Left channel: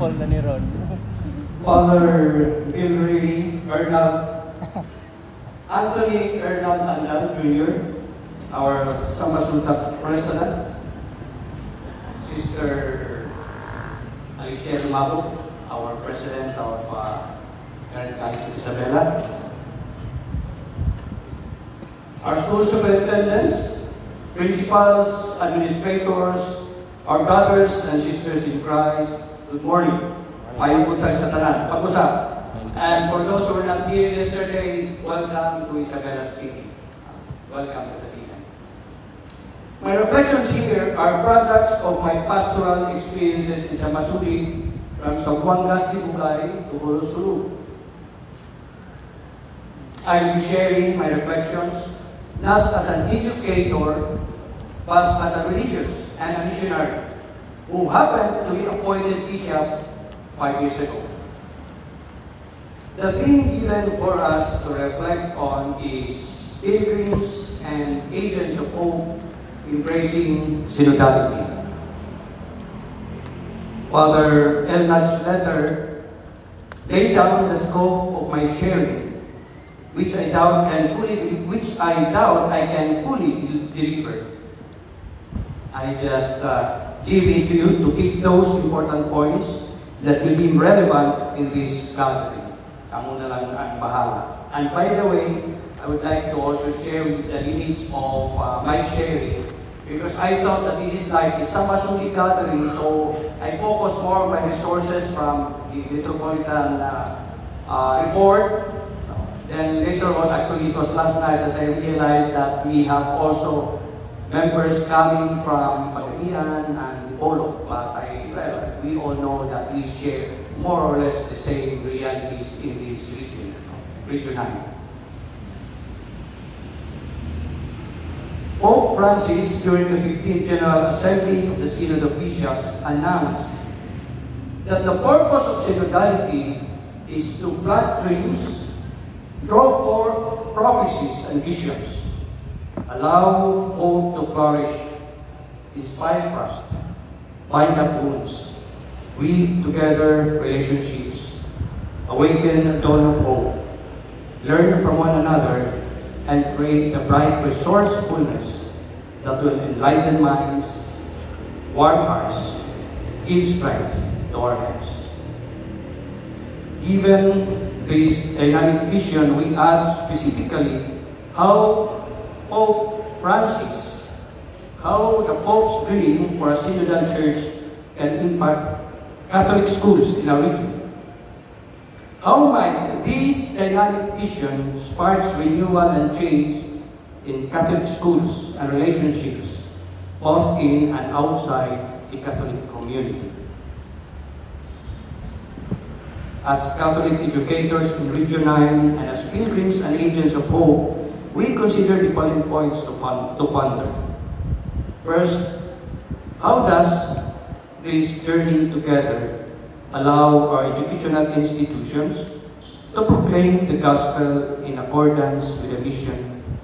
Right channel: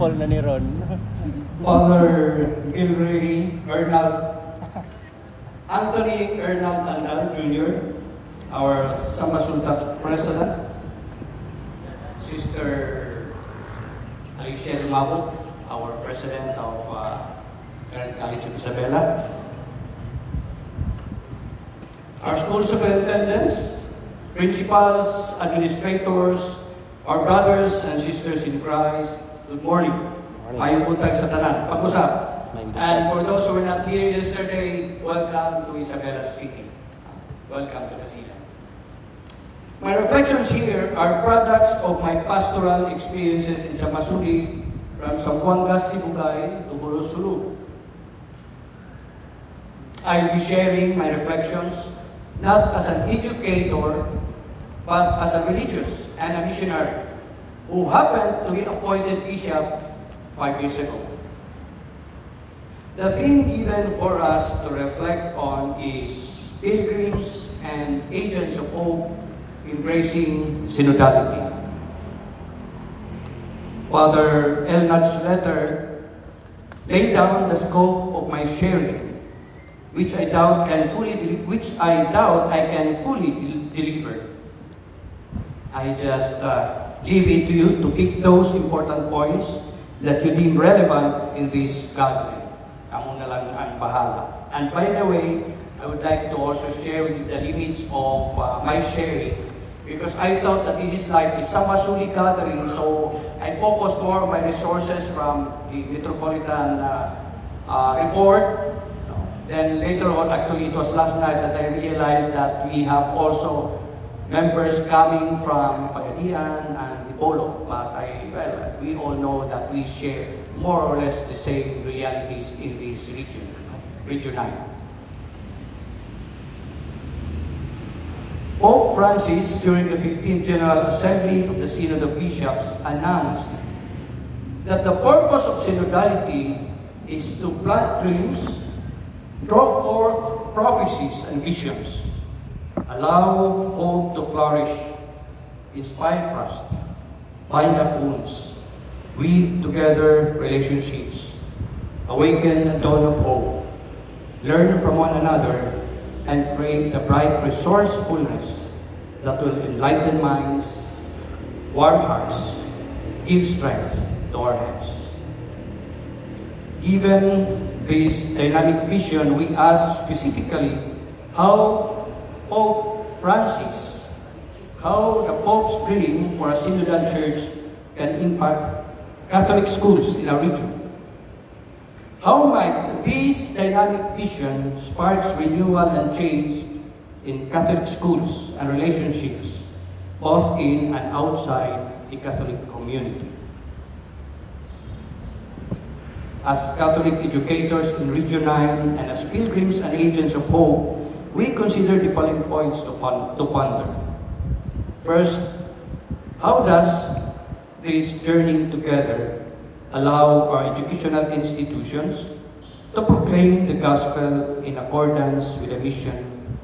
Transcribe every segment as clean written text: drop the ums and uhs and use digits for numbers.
Paul na ni Ron. Father Gilray Arnold, Anthony Arnold Andal Jr., our Sambasunta President, Sister Alicia Mabuk, our President of Current College of Isabela, our school superintendents, principals, administrators, our brothers and sisters in Christ, good morning. Mayong buntag sa tanan. Pag-usap. And for those who were not here yesterday, welcome to Isabela City. Welcome to the city. My reflections here are products of my pastoral experiences in Samasuri, from Zamboanga, Sibugay to Hulosulu. I will be sharing my reflections not as an educator, but as a religious and a missionary who happened to be appointed bishop 5 years ago. The theme given for us to reflect on is pilgrims and agents of hope embracing synodality. Father Elnach's letter laid down the scope of my sharing, which I doubt I can fully deliver. I just leave it to you to pick those important points that you deem relevant in this gathering. Kamu na lang ang bahala. And by the way, I would like to also share with the limits of my sharing, because I thought that this is like a Samasuri gathering, so I focused more on my resources from the Metropolitan report. Then later on, actually it was last night that I realized that we have also members coming from Pagadian and Dipolo, but we all know that we share more or less the same realities in this region. Pope Francis, during the 15th General Assembly of the Synod of Bishops, announced that the purpose of synodality is to plant dreams, draw forth prophecies and visions, allow hope to flourish, inspire trust, bind up wounds, weave together relationships, awaken a dawn of hope, learn from one another, and create a bright resourcefulness that will enlighten minds, warm hearts, give strength to our lives. Given this dynamic vision, we ask specifically how Pope Francis, how the Pope's dream for a synodal church can impact Catholic schools in our region. How might this dynamic vision spark renewal and change in Catholic schools and relationships, both in and outside the Catholic community? As Catholic educators in Region 9 and as pilgrims and agents of hope, we consider the following points to ponder. First, how does this journey together allow our educational institutions to proclaim the gospel in accordance with the mission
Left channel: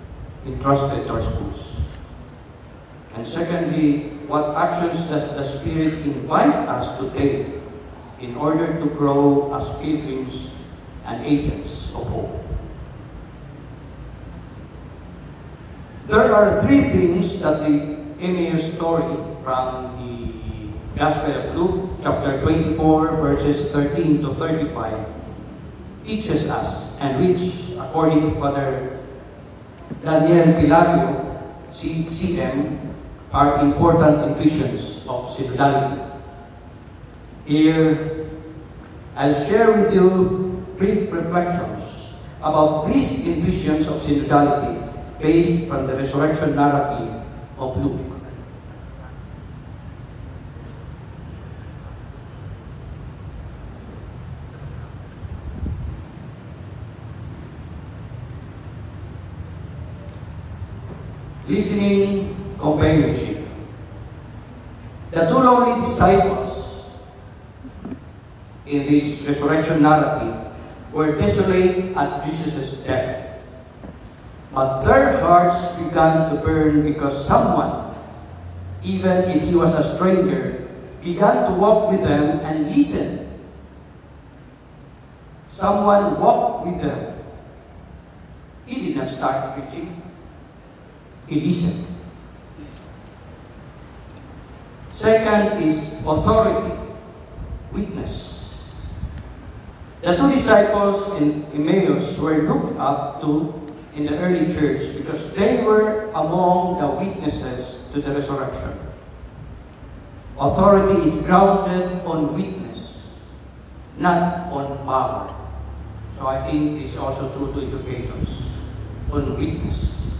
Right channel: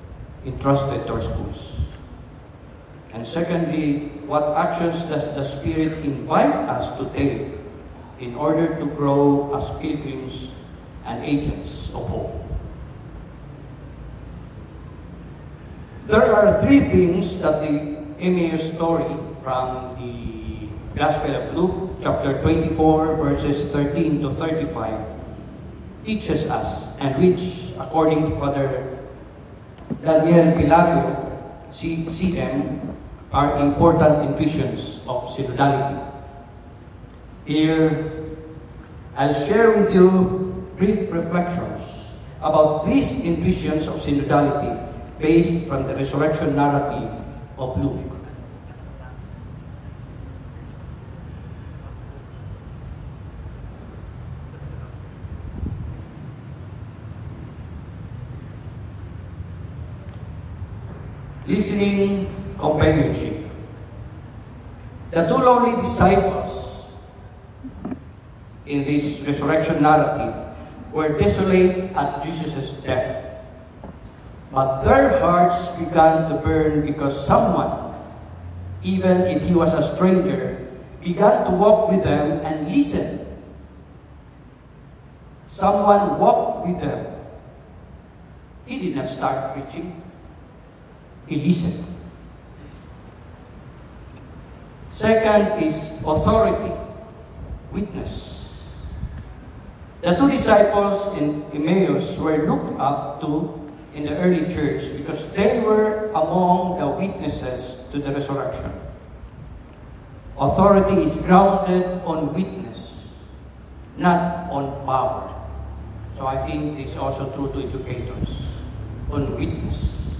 entrusted to our schools? And secondly, what actions does the Spirit invite us to take in order to grow as pilgrims and agents of hope? There are three things that the Emmaus story from the Gospel of Luke, chapter 24, verses 13 to 35, teaches us, and which, according to Father Daniel Pilario, CM, are important intuitions of synodality. Here, I'll share with you brief reflections about these intuitions of synodality based from the resurrection narrative of Luke. Listening companionship. The two lonely disciples in this resurrection narrative were desolate at Jesus' death. But their hearts began to burn because someone, even if he was a stranger, began to walk with them and listen. Someone walked with them. He did not start preaching. He listened. Second is authority, witness. The two disciples in Emmaus were looked up to in the early church because they were among the witnesses to the resurrection. Authority is grounded on witness, not on power. So I think this is also true to educators, on witness.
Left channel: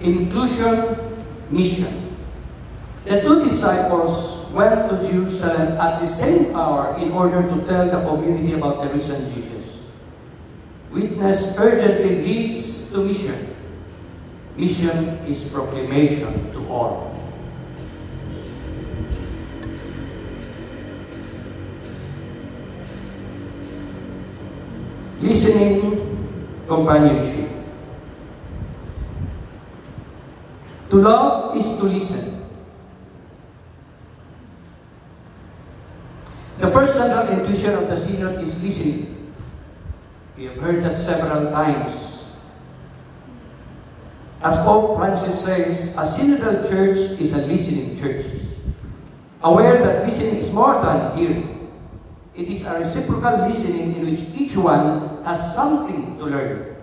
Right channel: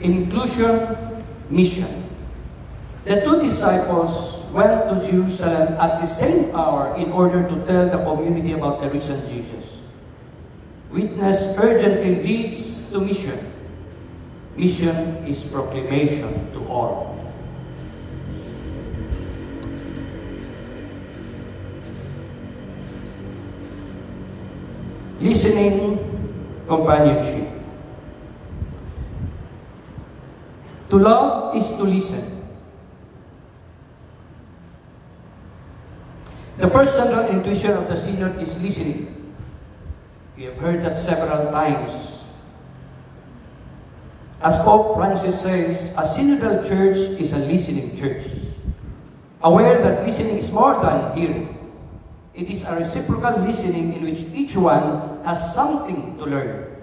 Inclusion, mission. The two disciples went to Jerusalem at the same hour in order to tell the community about the risen Jesus. Witness urgently leads to mission. Mission is proclamation to all. Listening, companionship. To love is to listen. The first central intuition of the synod is listening. We have heard that several times. As Pope Francis says, a synodal church is a listening church. Aware that listening is more than hearing. It is a reciprocal listening in which each one has something to learn.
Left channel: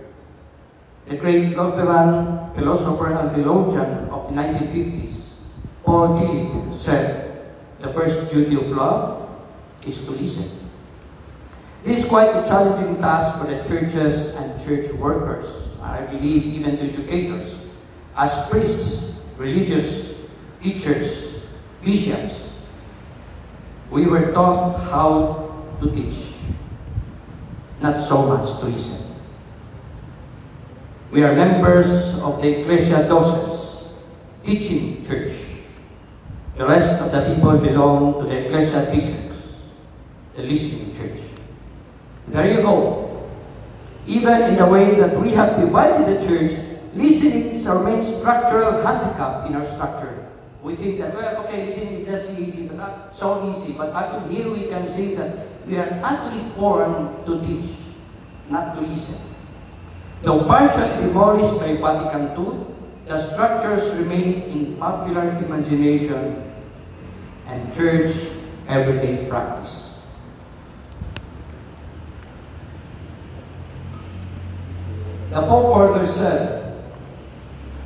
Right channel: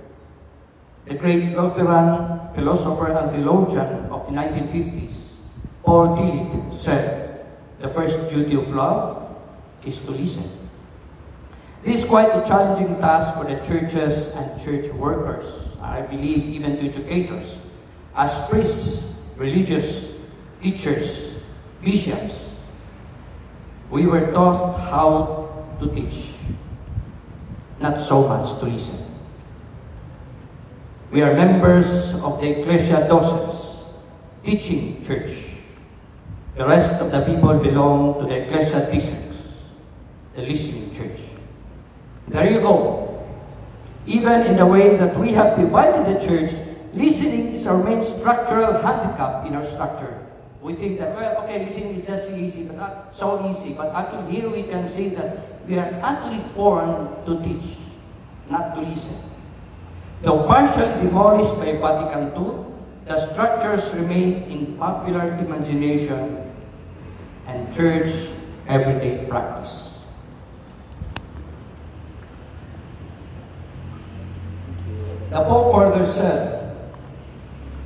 The great Lutheran philosopher and theologian of the 1950s, Paul Tillich, said, "The first duty of love is to listen." This is quite a challenging task for the churches and church workers, and I believe even to educators, as priests, religious, teachers, bishops. We were taught how to teach, not so much to listen. We are members of the Ecclesia Docens, teaching church. The rest of the people belong to the Ecclesia Disciples, the listening church. There you go. Even in the way that we have divided the church, listening is our main structural handicap in our structure. We think that, well, okay, listening is just easy, but not so easy. But actually here we can see that we are actually formed to teach, not to listen. Though partially demolished by Vatican II, the structures remain in popular imagination and church everyday practice. The Pope further said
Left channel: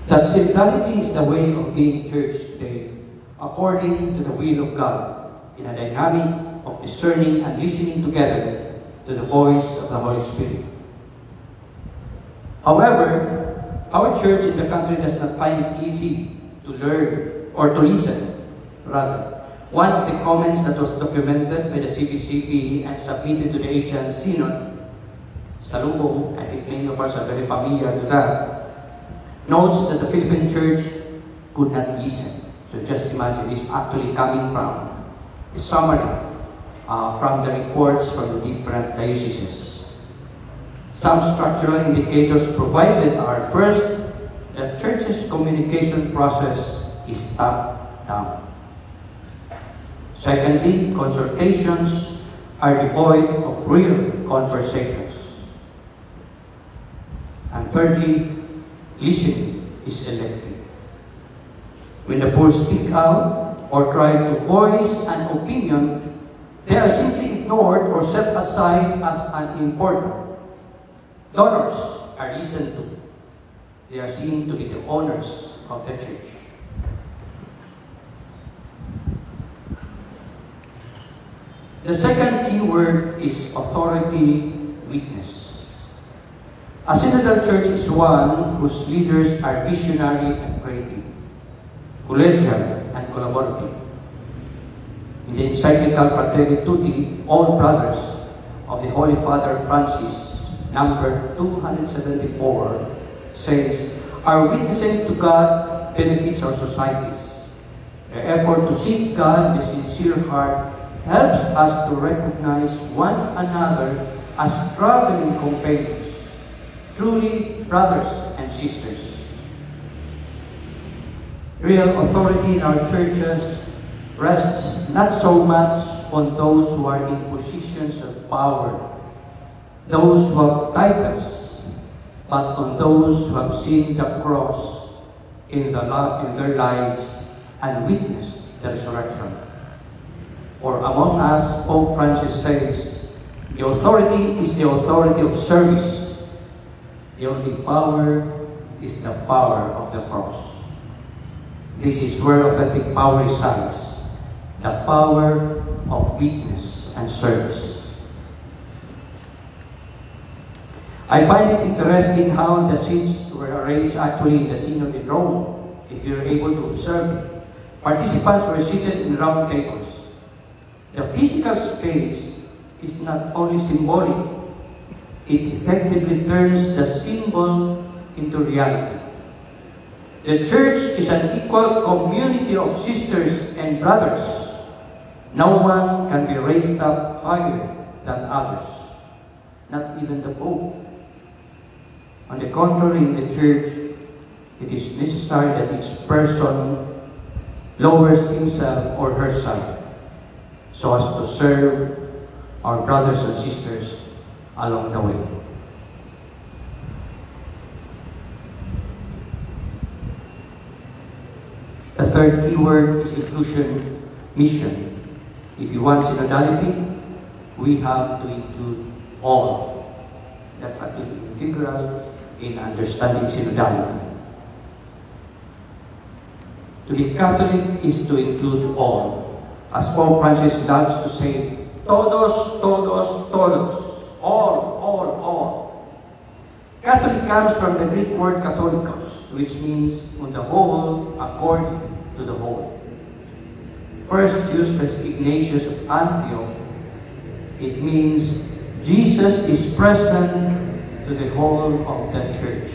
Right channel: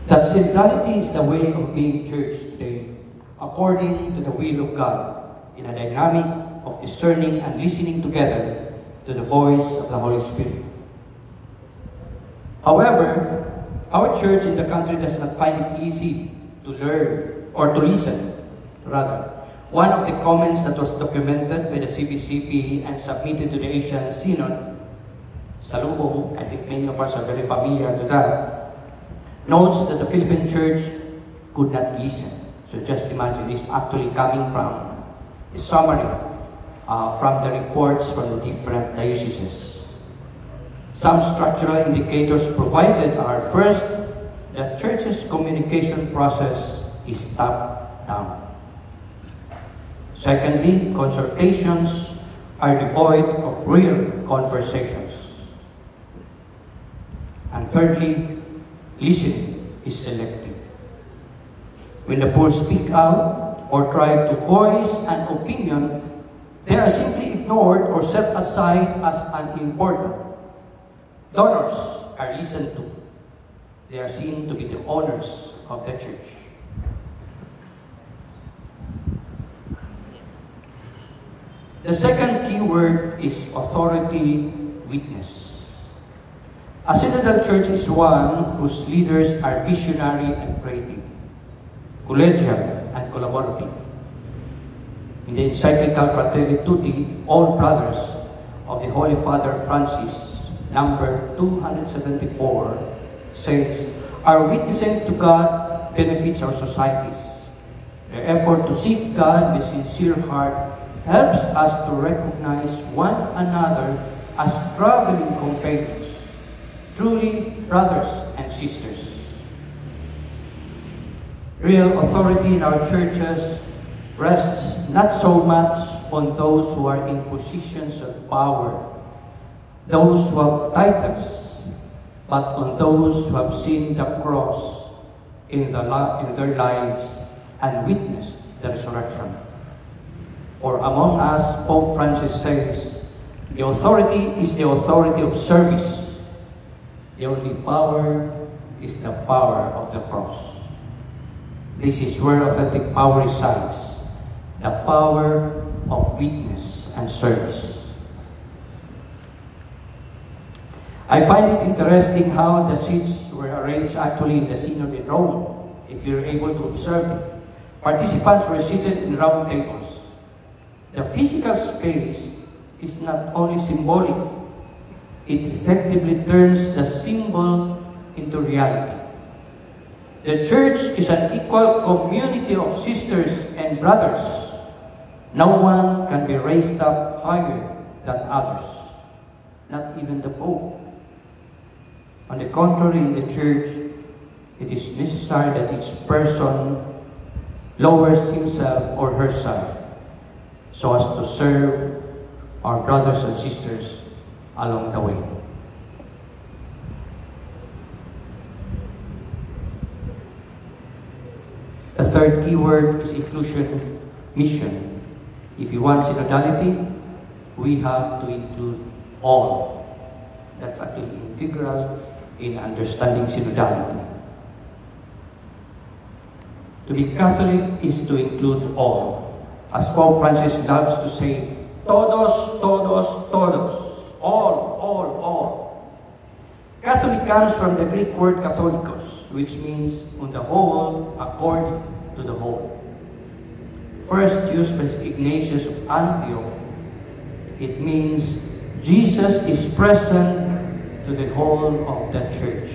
that centrality is the way of being church today, according to the will of God, in a dynamic of discerning and listening together to the voice of the Holy Spirit. However, our church in the country does not find it easy to learn or to listen. Rather, one of the comments that was documented by the CBCP and submitted to the Asian Synod, Salubong, I think many of us are very familiar with that, notes that the Philippine church could not listen. So just imagine, it's actually coming from a summary from the reports from the different dioceses. Some structural indicators provided are: first, the church's communication process is top-down. Secondly, consultations are devoid of real conversations. And thirdly, listening is selective. When the poor speak out or try to voice an opinion, they are simply ignored or set aside as unimportant. Donors are listened to. They are seen to be the owners of the church. The second key word is authority, witness. A synodal church is one whose leaders are visionary and creative, collegial and collaborative. In the encyclical Fratelli Tutti, All Brothers of the Holy Father Francis, number 274, says, "Our witnessing to God benefits our societies. Their effort to seek God with sincere heart helps us to recognize one another as traveling companions, truly brothers and sisters." Real authority in our churches rests not so much on those who are in positions of power, those who have titles, but on those who have seen the cross in their lives and witnessed the resurrection. For among us, Pope Francis says, the authority is the authority of service. The only power is the power of the cross. This is where authentic power resides, the power of witness and service. I find it interesting how the seats were arranged actually in the Synod in Rome, if you're able to observe it. Participants were seated in round tables. The physical space is not only symbolic, it effectively turns the symbol into reality. The church is an equal community of sisters and brothers. No one can be raised up higher than others, not even the Pope. On the contrary, in the church, it is necessary that each person lowers himself or herself so as to serve our brothers and sisters along the way. The third key word is inclusion, mission. If you want synodality, we have to include all. That's actually integral in understanding synodality. To be Catholic is to include all. As Pope Francis loves to say, todos, todos, todos. All. Catholic comes from the Greek word katholikos, which means on the whole, according to the whole. First used by Ignatius of Antioch, it means Jesus is present to the whole of the church.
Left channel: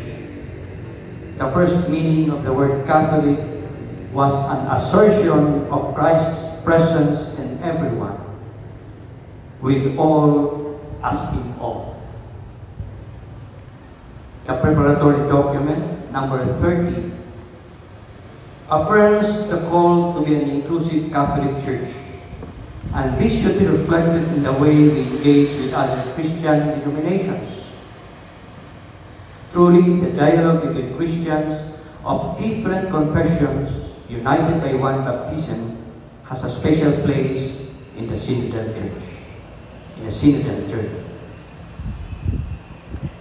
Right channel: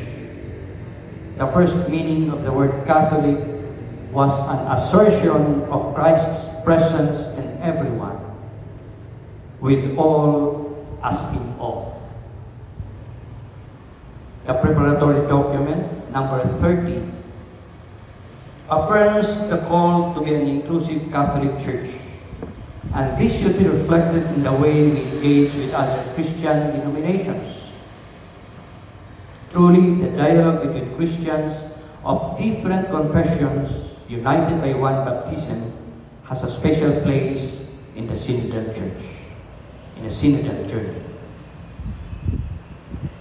The first meaning of the word Catholic was an assertion of Christ's presence in everyone, with all as in all. The preparatory document, number 30, affirms the call to be an inclusive Catholic Church, and this should be reflected in the way we engage with other Christian denominations. Truly, the dialogue between Christians of different confessions, united by one baptism, has a special place in the synodal church, in the synodal journey.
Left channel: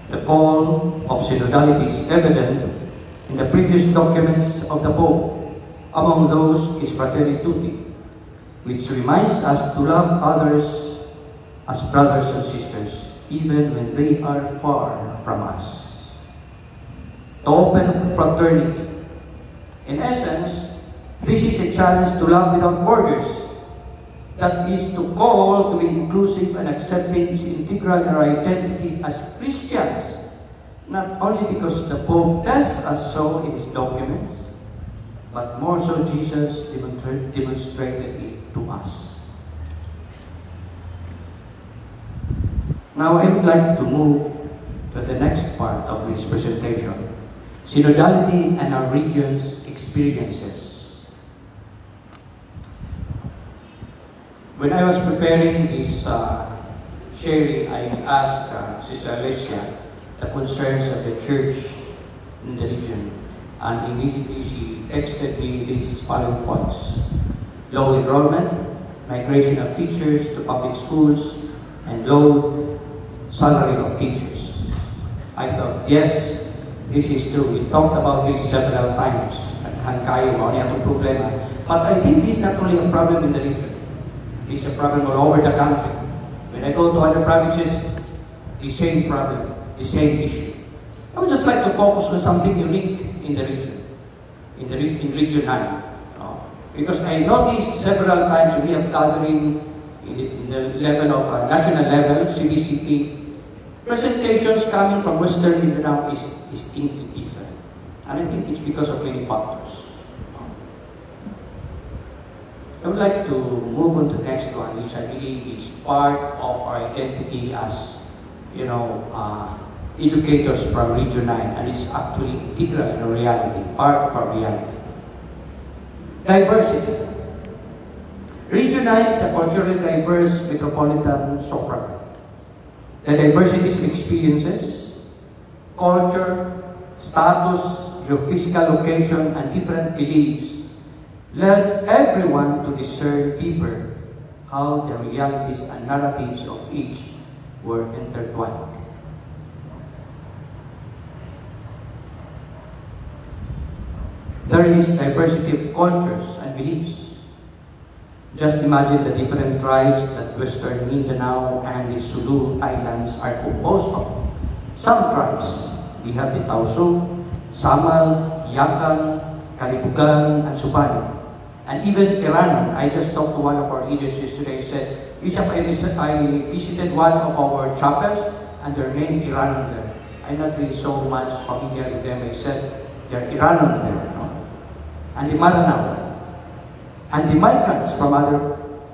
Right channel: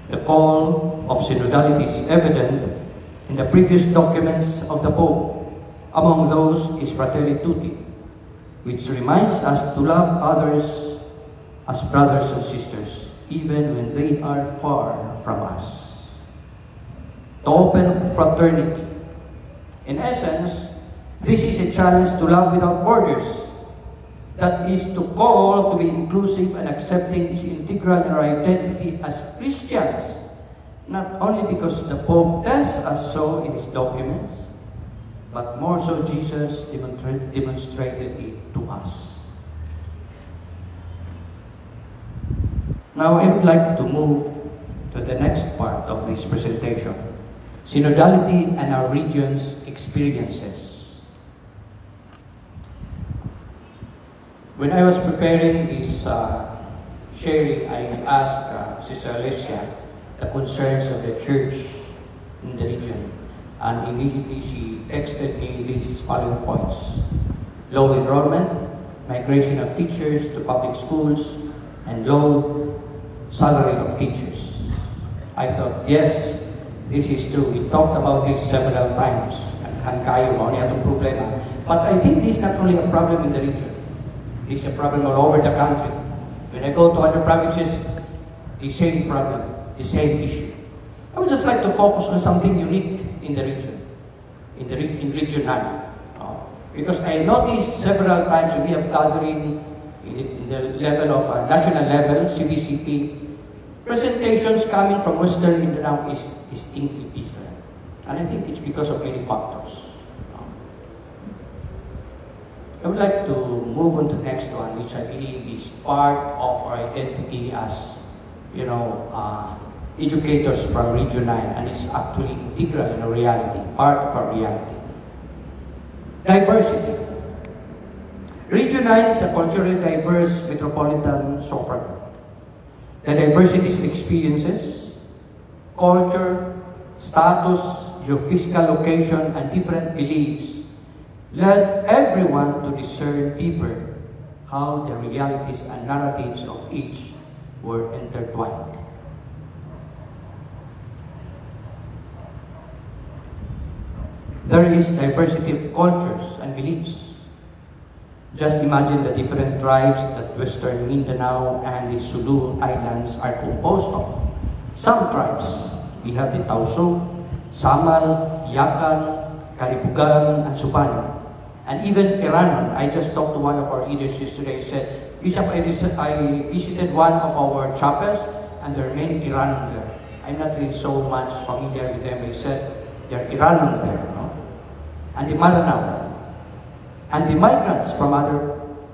The call of synodality is evident in the previous documents of the Pope. Among those is Fratelli Tutti, which reminds us to love others as brothers and sisters, even when they are far from us. To open fraternity. In essence, this is a challenge to love without borders. That is to call to be inclusive and accepting is integral in our identity as Christians, not only because the Pope tells us so in his documents, but more so Jesus demonstrated it to us. Now I would like to move to the next part of this presentation, synodality and our region's experiences. When I was preparing this sharing, I asked Sister Alicia the concerns of the church in the region, and immediately she texted me these following points: low enrollment, migration of teachers to public schools, and low salary of teachers. I thought, yes, this is true. We talked about this several times. But I think this is not only a problem in the region. It's a problem all over the country. When I go to other provinces, the same problem, the same issue. I would just like to focus on something unique in the region, in Region 9. Because I noticed several times when we have gathering in the level of national level, CBCP, presentations coming from Western Mindanao is distinctly different. And I think it's because of many factors. I would like to move on to the next one, which I believe is part of our identity as, educators for Region 9, and it's actually integral in our reality, part of our reality. Diversity. Region 9 is a culturally diverse metropolitan suburb. The diversities of experiences, culture, status, geophysical location, and different beliefs led everyone to discern deeper how the realities and narratives of each were intertwined. There is diversity of cultures and beliefs. Just imagine the different tribes that Western Mindanao and the Sulu Islands are composed of. Some tribes, we have the Tausug, Samal, Yakam, Kalipugan, and Subano. And even Iranon. I just talked to one of our leaders yesterday. He said, Bishop, I visited one of our chapels and there are many Iranon there. I'm not really so much familiar with them. He said, there are Iranon there. No? And the Maranao. And the migrants from other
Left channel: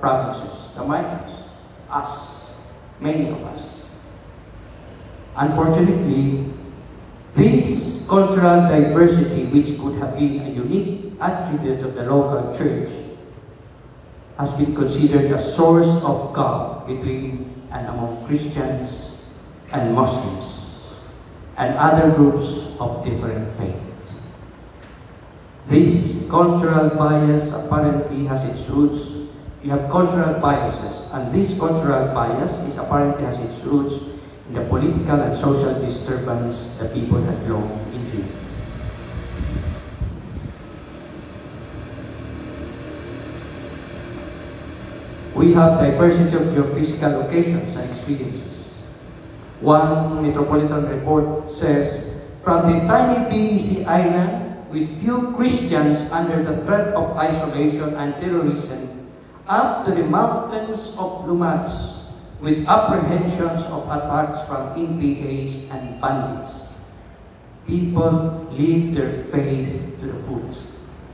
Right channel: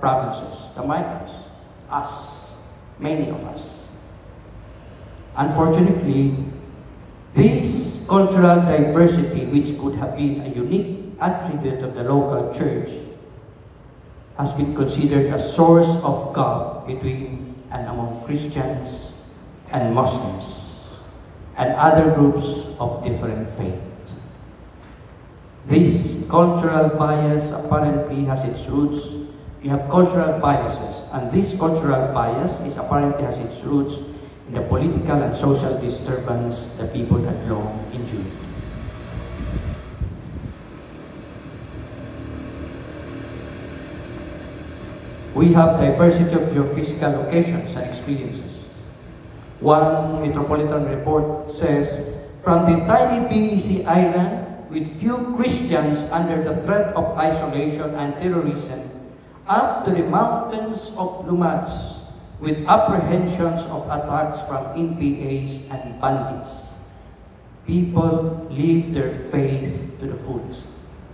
provinces, the migrants, us, many of us. Unfortunately, this cultural diversity, which could have been a unique attribute of the local church, has been considered a source of gulf between and among Christians and Muslims and other groups of different faith. This cultural bias apparently has its roots. You have cultural biases, and this cultural bias apparently has its roots in the political and social disturbance that people have long endured. We have diversity of geophysical locations and experiences. One metropolitan report says, from the tiny BEC island with few Christians under the threat of isolation and terrorism, up to the mountains of Lumats with apprehensions of attacks from NPAs and bandits. People live their faith to the fullest.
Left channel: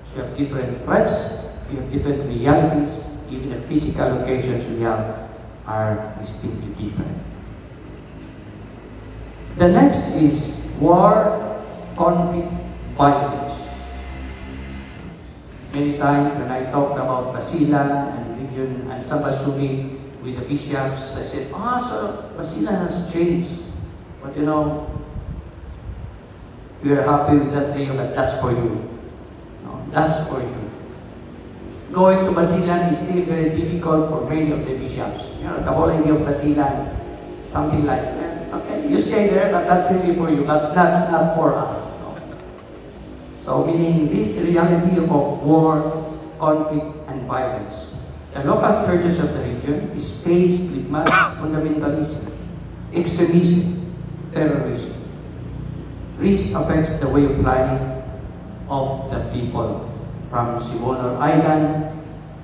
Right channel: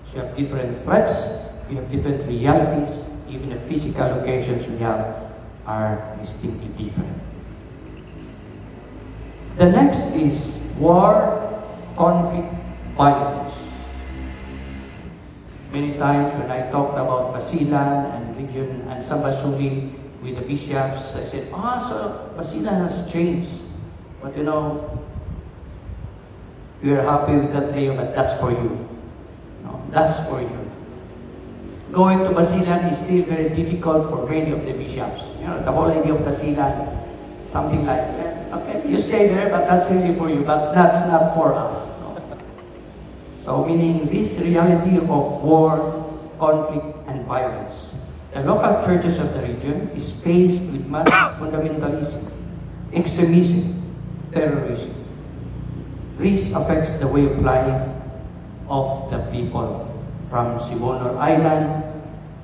So you have different threats, you have different realities, even the physical locations we have are distinctly different. The next is war, conflict, violence. Many times when I talked about Basilan and region and Sabasumi with the bishops, I said, so Basilan has changed. But you know, we are happy with that claim that that's for you. No, that's for you. Going to Basilan is still very difficult for many of the bishops. You know, the whole idea of Basilan, something like that. Okay, you stay there, but that's really for you, but that's not for us. So meaning this reality of war, conflict, and violence. The local churches of the region is faced with mass fundamentalism, extremism, terrorism. This affects the way of life of the people from Sibuano Island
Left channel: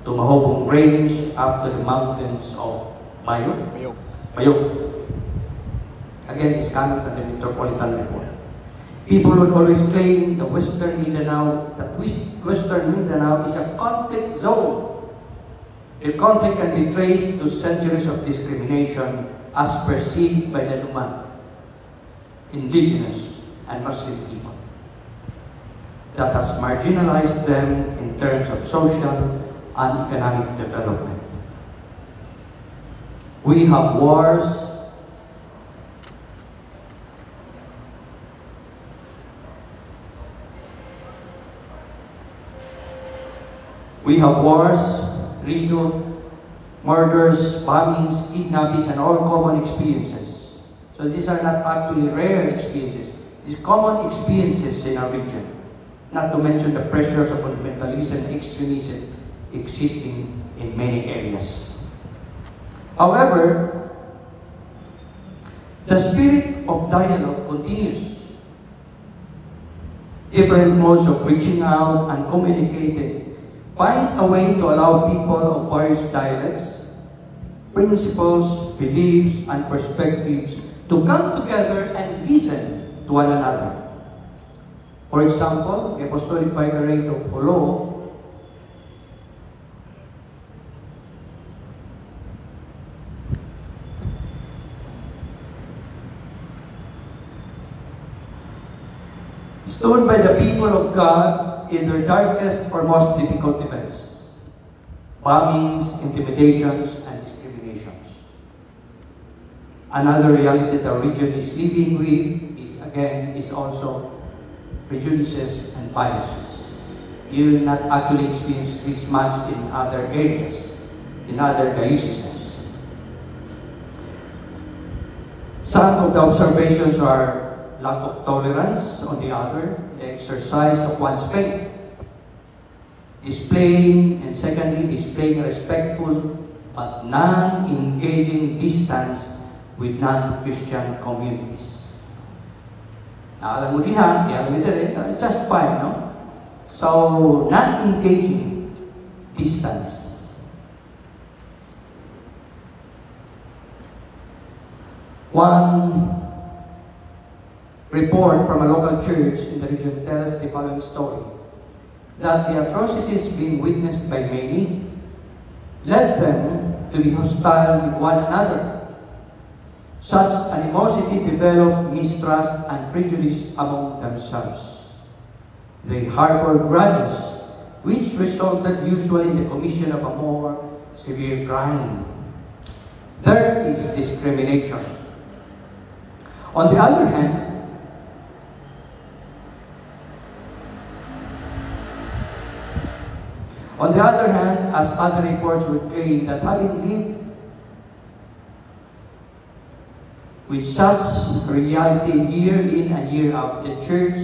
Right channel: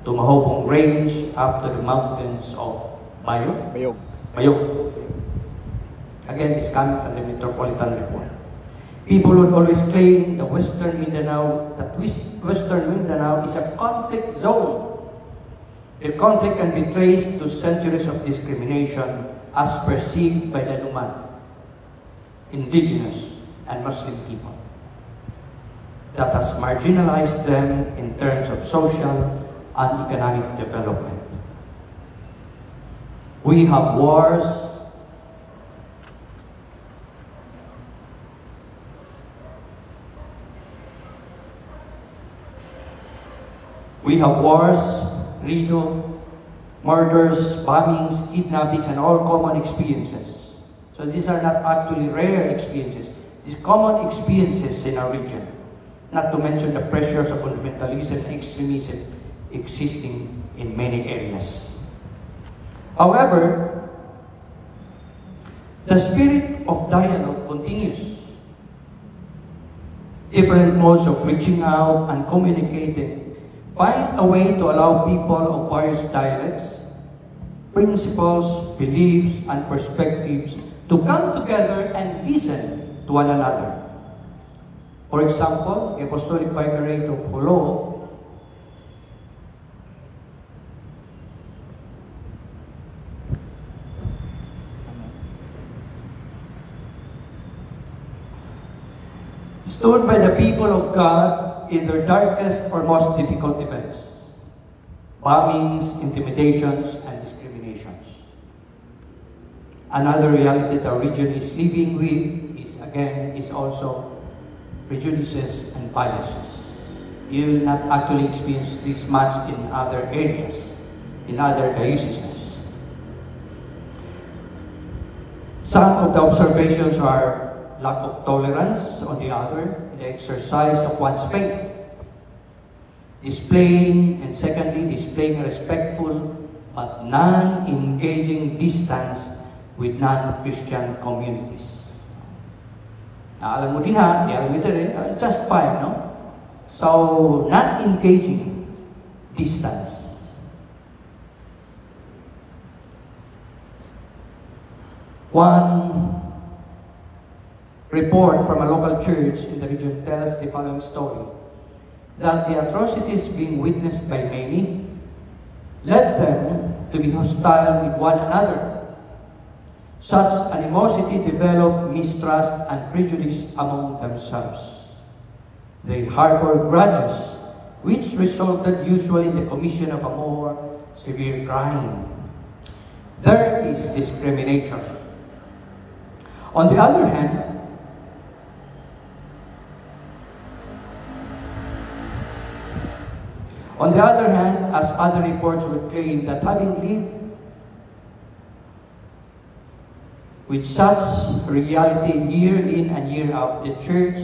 to Mahobong Range up to the mountains of Bayog. Again, it's coming from the Metropolitan Report. People would always claim that Western Mindanao is a conflict zone. The conflict can be traced to centuries of discrimination as perceived by the Numan, indigenous and Muslim people, that has marginalized them in terms of social and economic development. We have wars, freedom, murders, bombings, kidnappings, and all common experiences. So these are not actually rare experiences. These common experiences in our region. Not to mention the pressures of fundamentalism and extremism existing in many areas. However, the spirit of dialogue continues. Different modes of reaching out and communicating find a way to allow people of various dialects, principles, beliefs, and perspectives to come together and listen to one another. For example, the Apostolic Vicariate of Jolo stood by the people of God in their darkest or most difficult events: bombings, intimidations, and discriminations. Another reality that our region is living with is also prejudices and biases. You will not actually experience this much in other areas, in other dioceses. Some of the observations are lack of tolerance, on the other, the exercise of one's faith, displaying a respectful but non-engaging distance with non-Christian communities. Alam mo din ha, just fine, no? So, non-engaging distance. One report from a local church in the region tells the following story: that the atrocities being witnessed by many led them to be hostile with one another. Such animosity developed mistrust and prejudice among themselves. They harbored grudges, which resulted usually in the commission of a more severe crime. There is discrimination. On the other hand, as other reports would claim, that having lived with such reality year in and year out, the church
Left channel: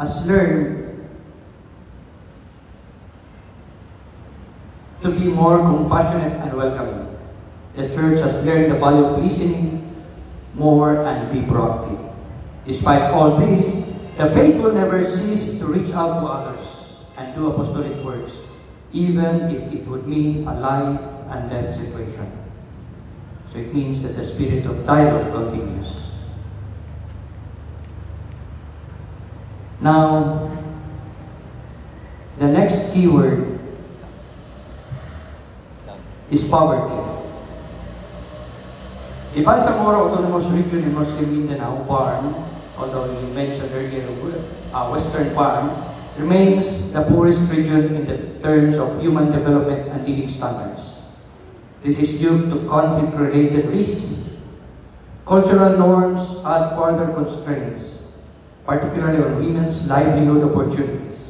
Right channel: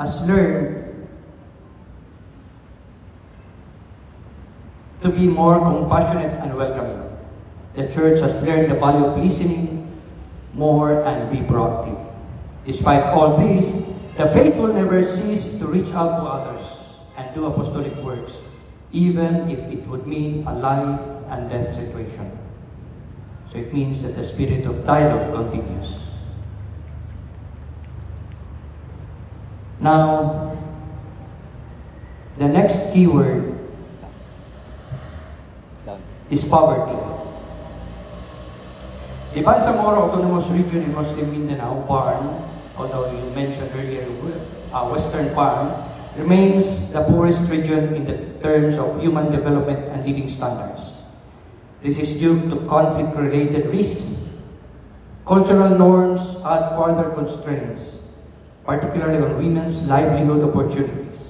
has learned to be more compassionate and welcoming. The church has learned the value of listening more and be proactive. Despite all this, the faithful never cease to reach out to others and do apostolic works, even if it would mean a life and death situation. So it means that the spirit of dialogue continues. Now, the next keyword is poverty. The Bangsamoro Autonomous Region in Muslim Mindanao, BARM, although we mentioned earlier, Western BARM, remains the poorest region in the terms of human development and living standards. This is due to conflict-related risks. Cultural norms add further constraints, particularly on women's livelihood opportunities,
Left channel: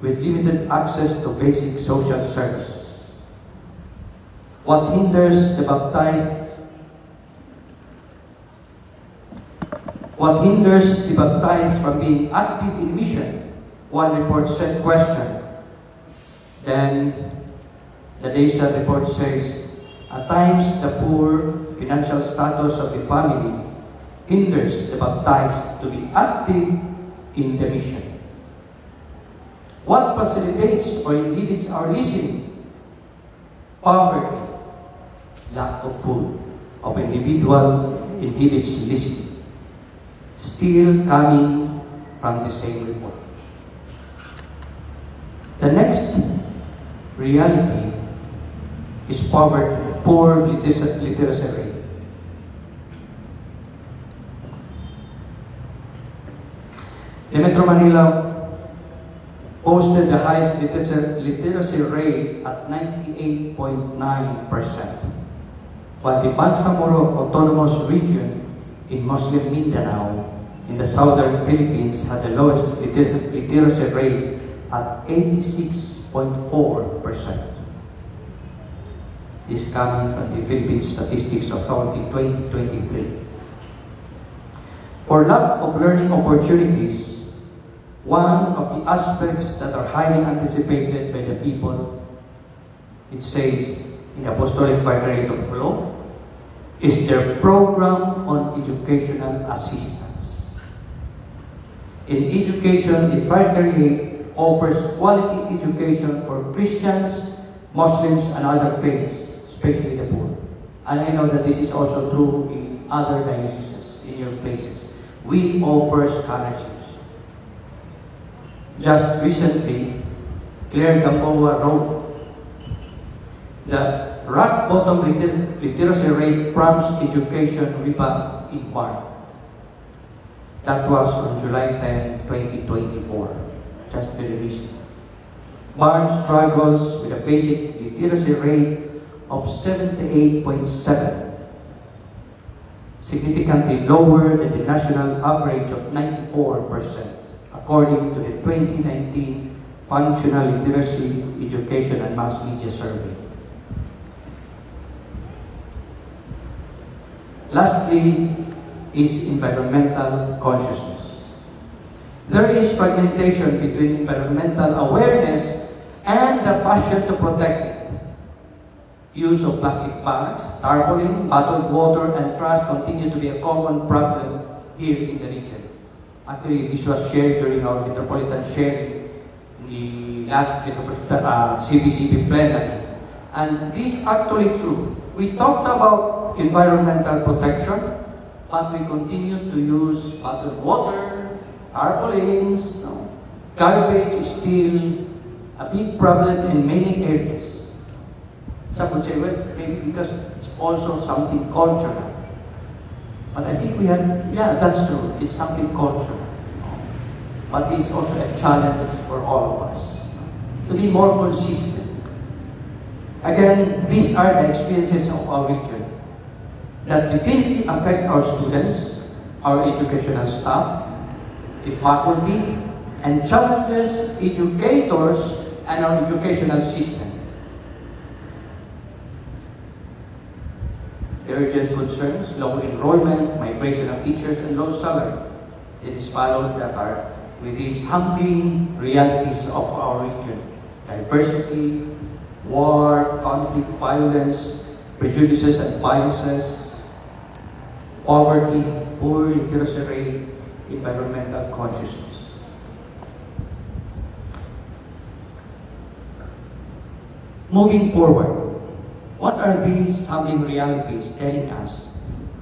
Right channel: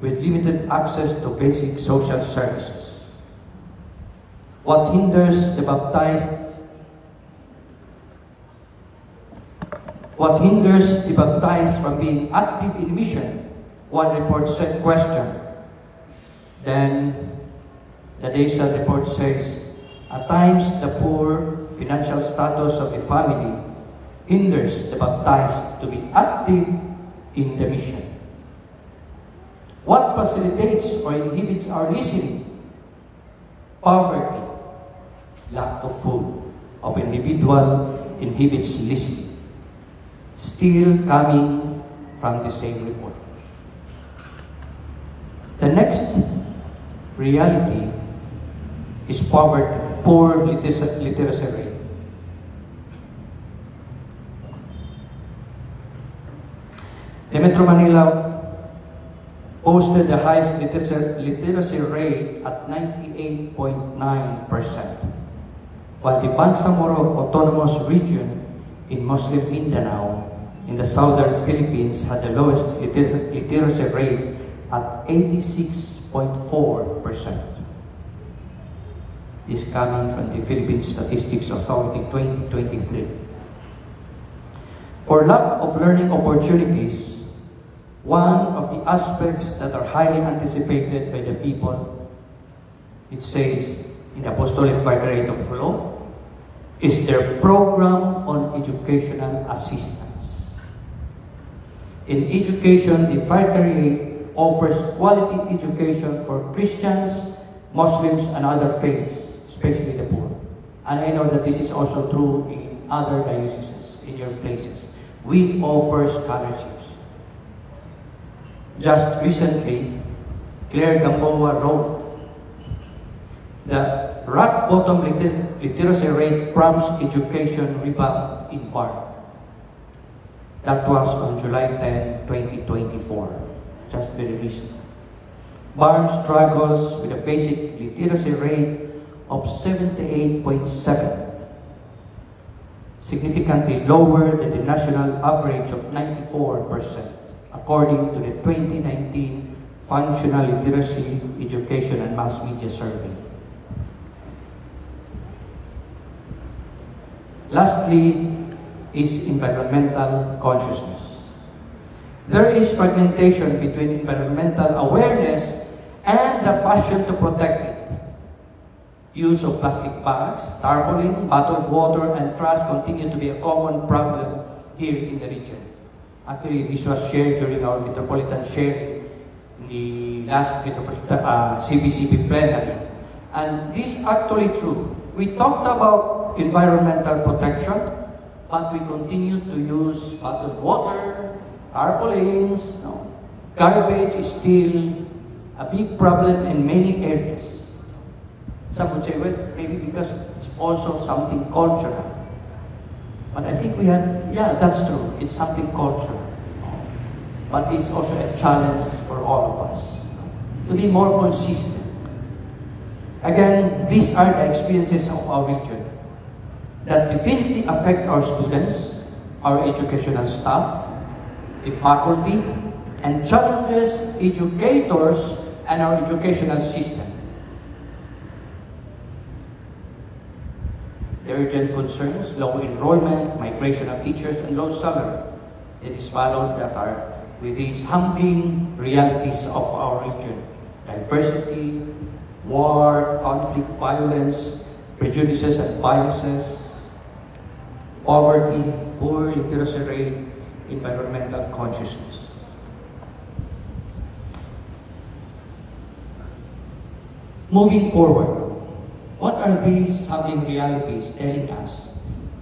with limited access to basic social services. What hinders the baptized from being active in mission? One report said question. Then the DESA report says, at times the poor financial status of a family hinders the baptized to be active in the mission. What facilitates or inhibits our listening? Poverty, lack of food of individual inhibits listening. Still coming from the same report. The next reality is poverty, poor literacy rate. The Metro Manila posted the highest literacy rate at 98.9%, while the Bangsamoro Autonomous Region in Muslim Mindanao in the southern Philippines had the lowest literacy rate at 86.4%. This coming from the Philippine Statistics Authority 2023. For lack of learning opportunities, one of the aspects that are highly anticipated by the people, it says in the Apostolic Vicariate of Jolo, is their program on educational assistance. In education, the Vicariate offers quality education for Christians, Muslims, and other faiths, especially the poor. And I know that this is also true in other dioceses, in your places. We offer scholarships. Just recently, Claire Gamboa wrote that rock bottom literacy rate prompts education rebound in part. That was on July 10, 2024. just very recent. Barnes struggles with a basic literacy rate of 78.7, significantly lower than the national average of 94%, according to the 2019 Functional Literacy, Education and Mass Media Survey. Lastly is environmental consciousness. There is fragmentation between environmental awareness and the passion to protect it. Use of plastic bags, tarpaulin, bottled water, and trash continue to be a common problem here in the region. Actually, this was shared during our metropolitan sharing in the last CBCP plenary. And this is actually true. We talked about environmental protection, but we continue to use bottled water, tarpaulins. Garbage is still a big problem in many areas. Some would say, well, maybe because it's also something cultural. But I think we have, yeah, that's true. It's something cultural. But it's also a challenge for all of us to be more consistent. Again, these are the experiences of our region that definitely affect our students, our educational staff, the faculty, and challenges educators and our educational system. The urgent concerns, low enrollment, migration of teachers, and low salary. It is followed that are with these humbling realities of our region: diversity, war, conflict, violence, prejudices and biases, poverty, poor literacy rate, environmental consciousness. Moving forward, what are these humbling realities telling us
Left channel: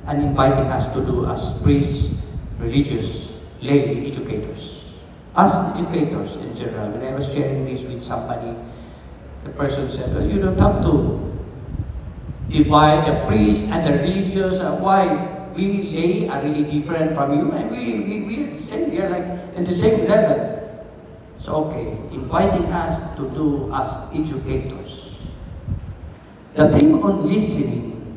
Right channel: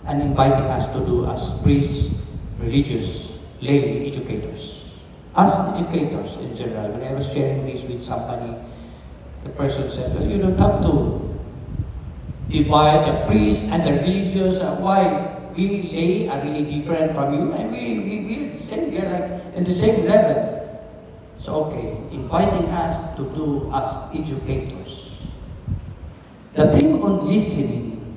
and inviting us to do as priests, religious, lay educators? As educators in general, when I was sharing this with somebody, the person said, well, you don't have to divide the priest and the religious. Why? We lay are really different from you, and we're the same, we're like in the same level. So, okay, inviting us to do as educators. The theme on listening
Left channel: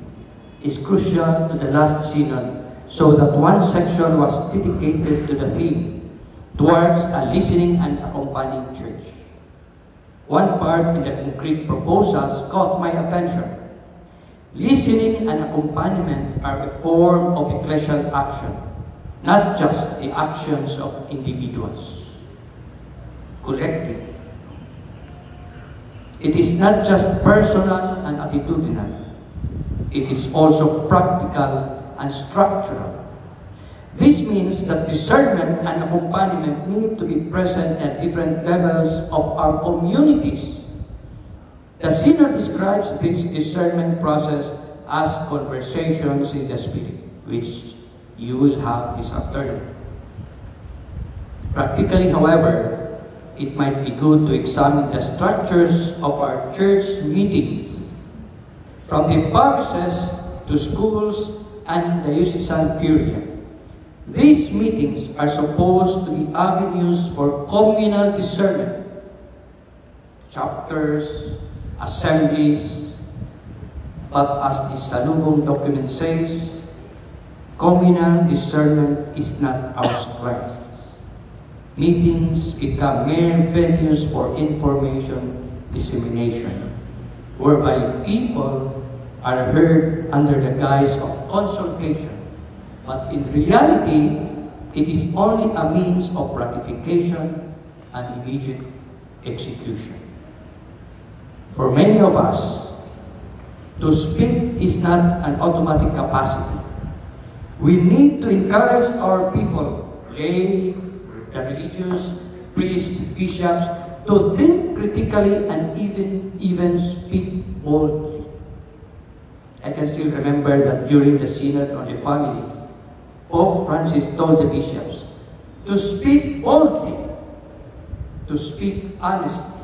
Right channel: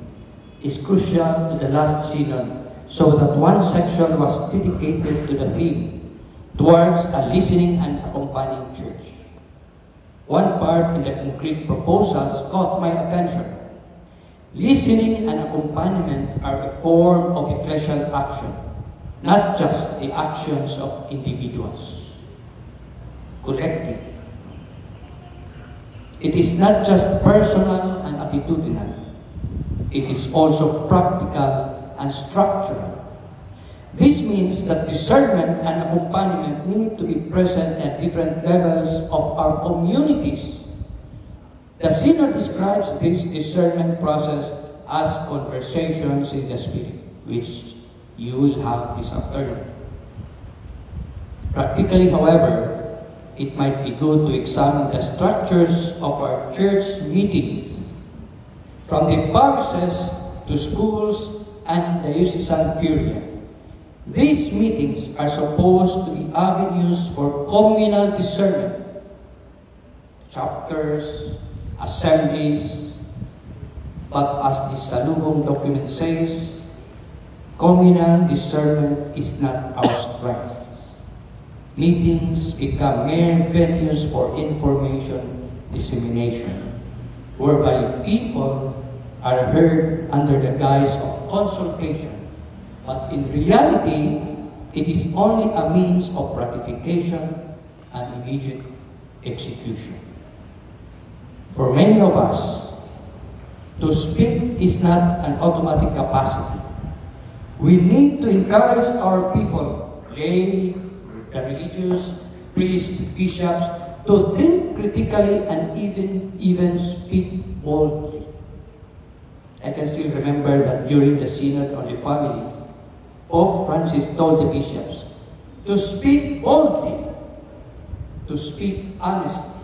is crucial to the last synod, so that one section was dedicated to the theme, towards a listening and accompanying church. One part in the concrete proposals caught my attention. Listening and accompaniment are a form of ecclesial action, not just the actions of individuals. Collective. It is not just personal and attitudinal. It is also practical and structural. This means that discernment and accompaniment need to be present at different levels of our communities. The Synod describes this discernment process as conversations in the Spirit, which you will have this afternoon. Practically, however, it might be good to examine the structures of our church meetings, from the parishes to schools and the diocesan curia. These meetings are supposed to be avenues for communal discernment. Chapters, assemblies, but as the Salubong document says, communal discernment is not our strength. Meetings become mere venues for information dissemination, whereby people are heard under the guise of consultation, but in reality, it is only a means of gratification and immediate execution. For many of us, to speak is not an automatic capacity. We need to encourage our people, lay, the religious, priests, bishops, to think critically and even speak boldly. I can still remember that during the Synod on the Family, Pope Francis told the bishops to speak boldly, to speak honestly.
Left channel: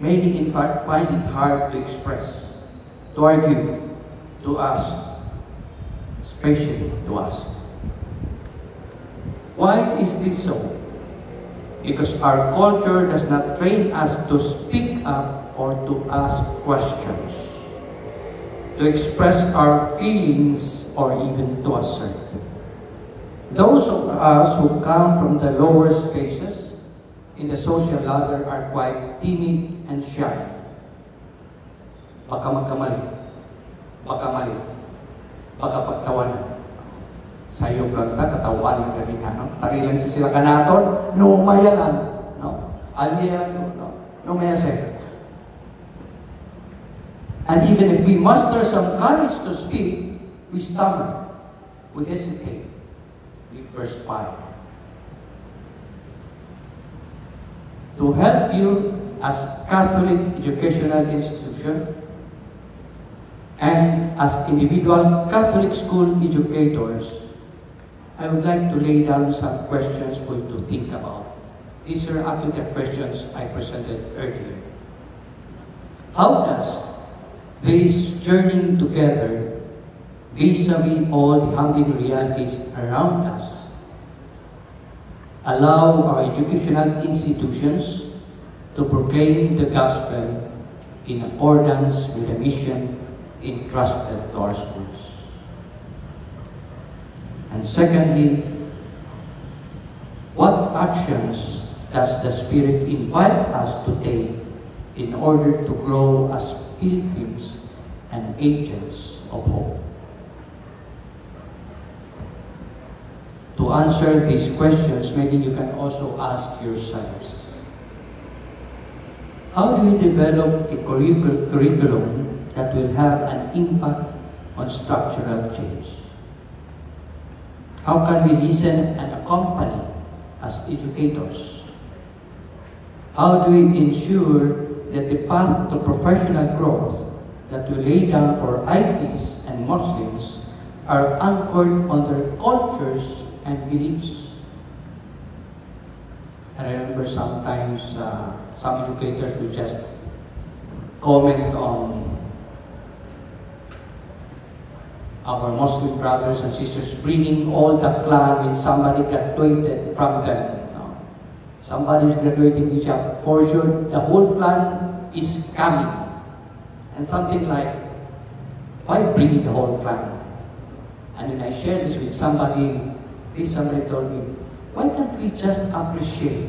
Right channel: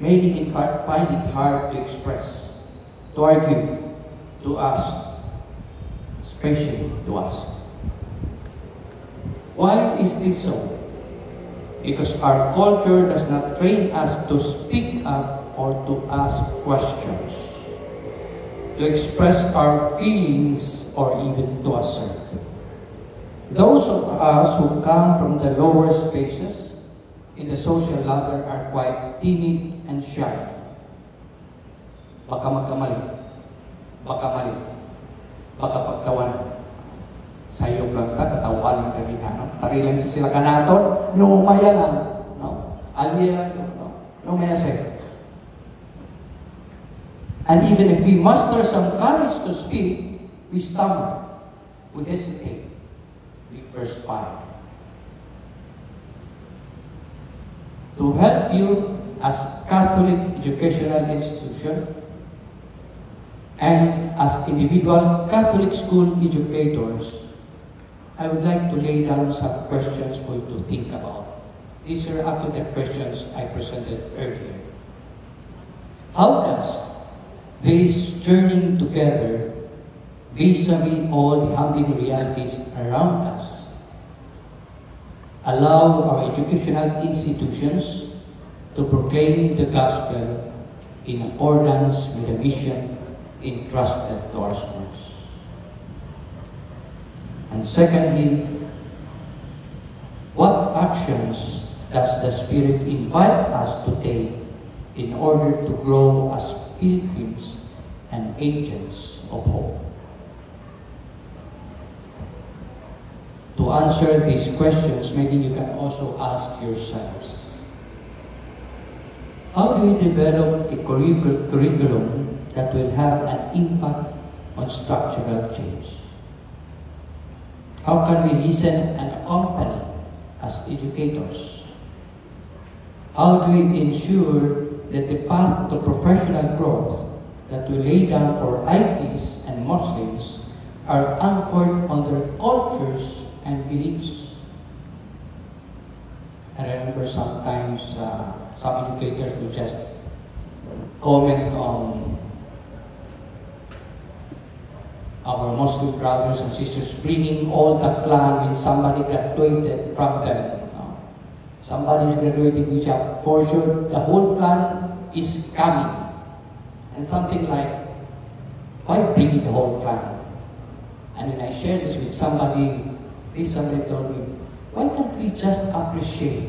Many, in fact, find it hard to express, to argue, to ask, especially to ask. Why is this so? because our culture does not train us to speak up or to ask questions, to express our feelings, or even to assert. Those of us who come from the lower spaces in the social ladder are quite timid and shy. Baka magkamali, baka mali, baka pagtawanan. Sayop lang ta, katawan ng kami na. Tari lang si sila kanaton, no maya lang. No? Alya lang, no maya say. And even if we muster some courage to speak, we stammer, we hesitate, we perspire. To help you as Catholic educational institution and as individual Catholic school educators, I would like to lay down some questions for you to think about. These are up to the questions I presented earlier. How does this journeying together vis-a-vis all the humbling realities around us allow our educational institutions to proclaim the gospel in accordance with the mission entrusted to our schools? And secondly, what actions does the Spirit invite us to take in order to grow as pilgrims and agents of hope? To answer these questions, maybe you can also ask yourselves, how do you develop a curriculum that will have an impact on structural change? How can we listen and accompany as educators? How do we ensure that the path to professional growth that we lay down for IPs and Muslims are anchored on their cultures and beliefs? I remember sometimes some educators would just comment on our Muslim brothers and sisters bringing all the clan when somebody graduated from them. Somebody is graduating, which for sure the whole clan is coming. And something like, why bring the whole clan? And when I shared this with somebody told me, why can't we just appreciate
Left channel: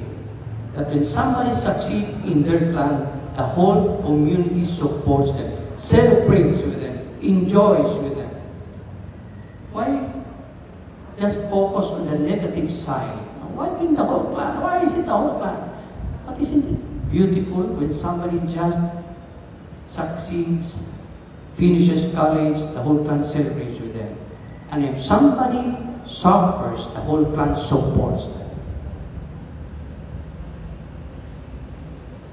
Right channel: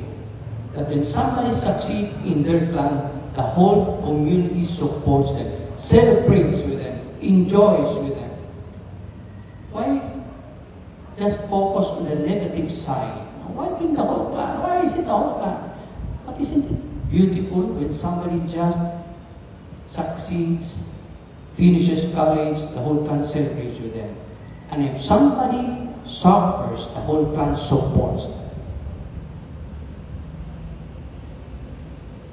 that when somebody succeeds in their clan, the whole community supports them, celebrates with them, enjoys with them? Why just focus on the negative side? Why bring the whole clan? Why is it the whole clan? But isn't it beautiful when somebody just succeeds, finishes college, the whole clan celebrates with them? And if somebody suffers, the whole clan supports them.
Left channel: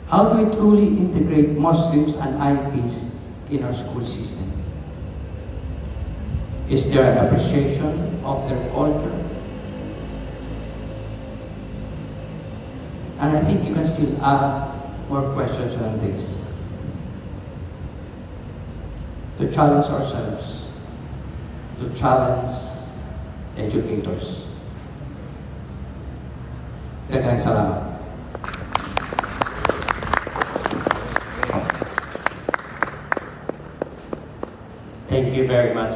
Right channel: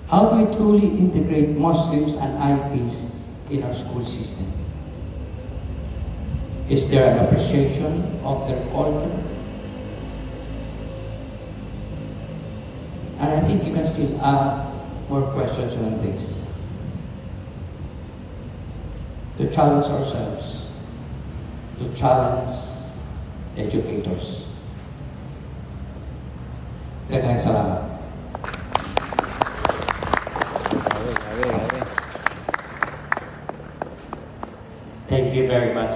How do we truly integrate Muslims and IPs in our school system? Is there an appreciation of their culture? And I think you can still add more questions on this. To challenge ourselves, to challenge educators. Daghang salamat. Thank you very much.